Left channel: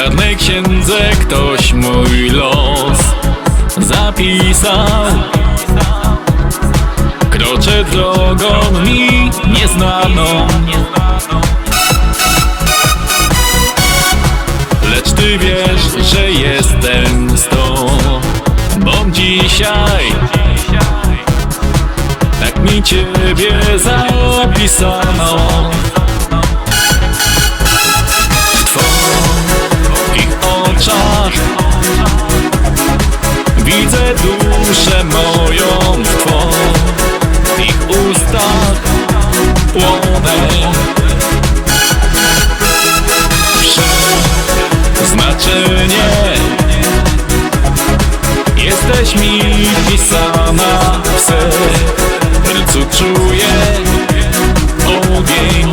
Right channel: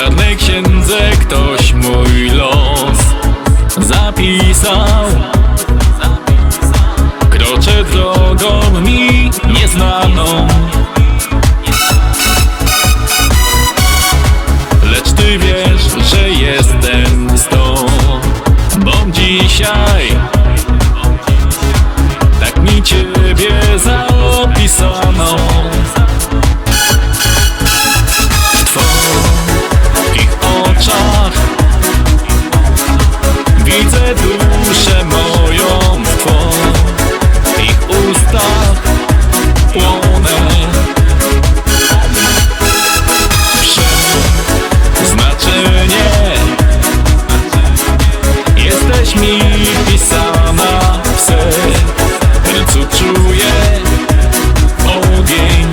czarnej księdze ktoś mój los zapisał. Kroczę drogą mi nieznaną. Lecz ty wiesz, że jestem z tobą dzisiaj. Tak mi ciebie zapisano. Twoich oczach. Widzę duszę moją w twoich ustach. Płonę. Przeznaczenie. Jesteś mi pisana w sercu. Czuję ogień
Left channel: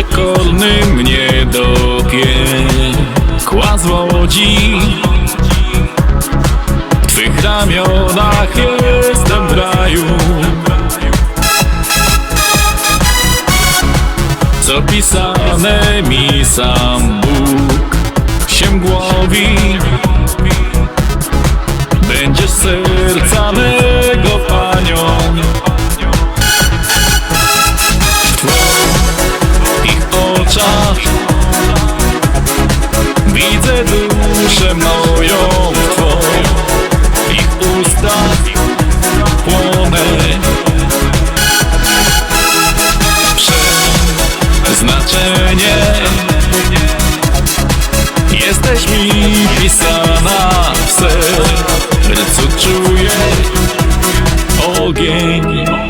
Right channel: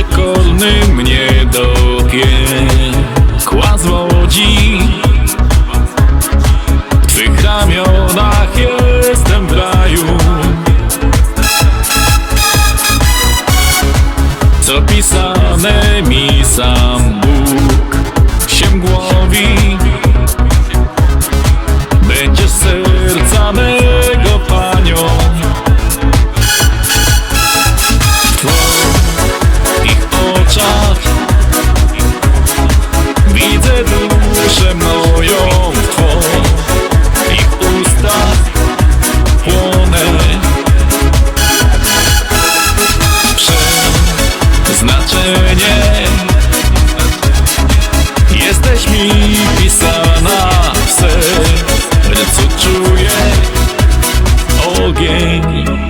przekorny mnie do piekła zwodzi. W Twych ramionach jestem w raju. Co pisane mi sam Bóg się głowi. Będziesz serca mego panią oczach Widzę duszę moją w twoich ustach Płonę. Przeznaczenie. Jesteś mi pisana w sercu czuję ogień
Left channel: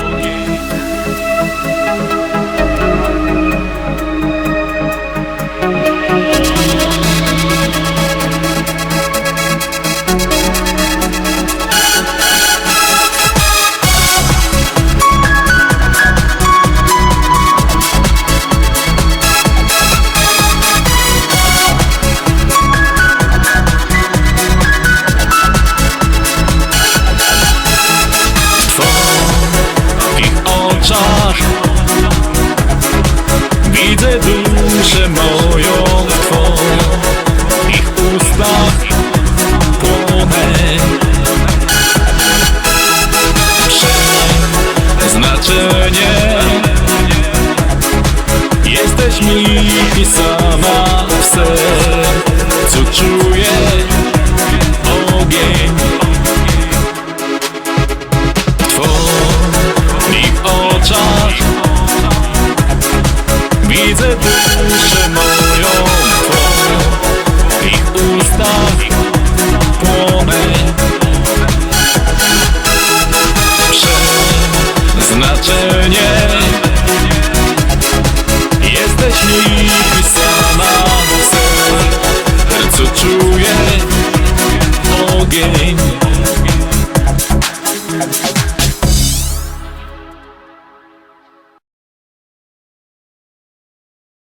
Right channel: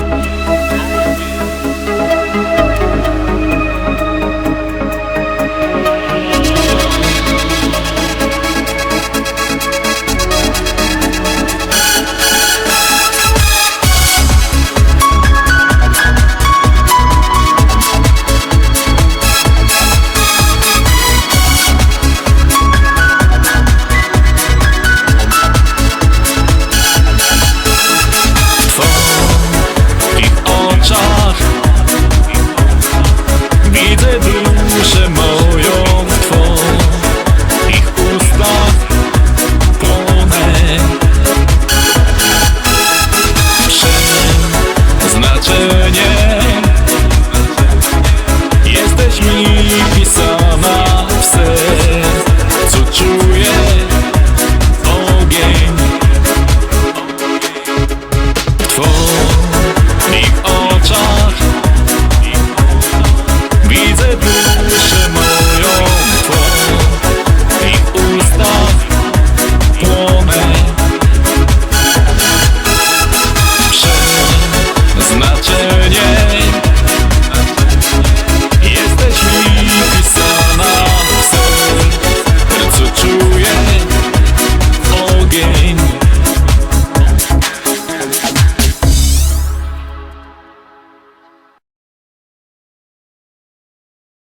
oczach. Widzę duszę moją w twoich ustach. Płonę. Przeznaczenie. Jesteś mi pisana w sercu. Czuję ogień oczach. Widzę duszę moją w twoich ustach płonę. Przeznaczenie. Jesteś mi pisana w sercu czuję ogień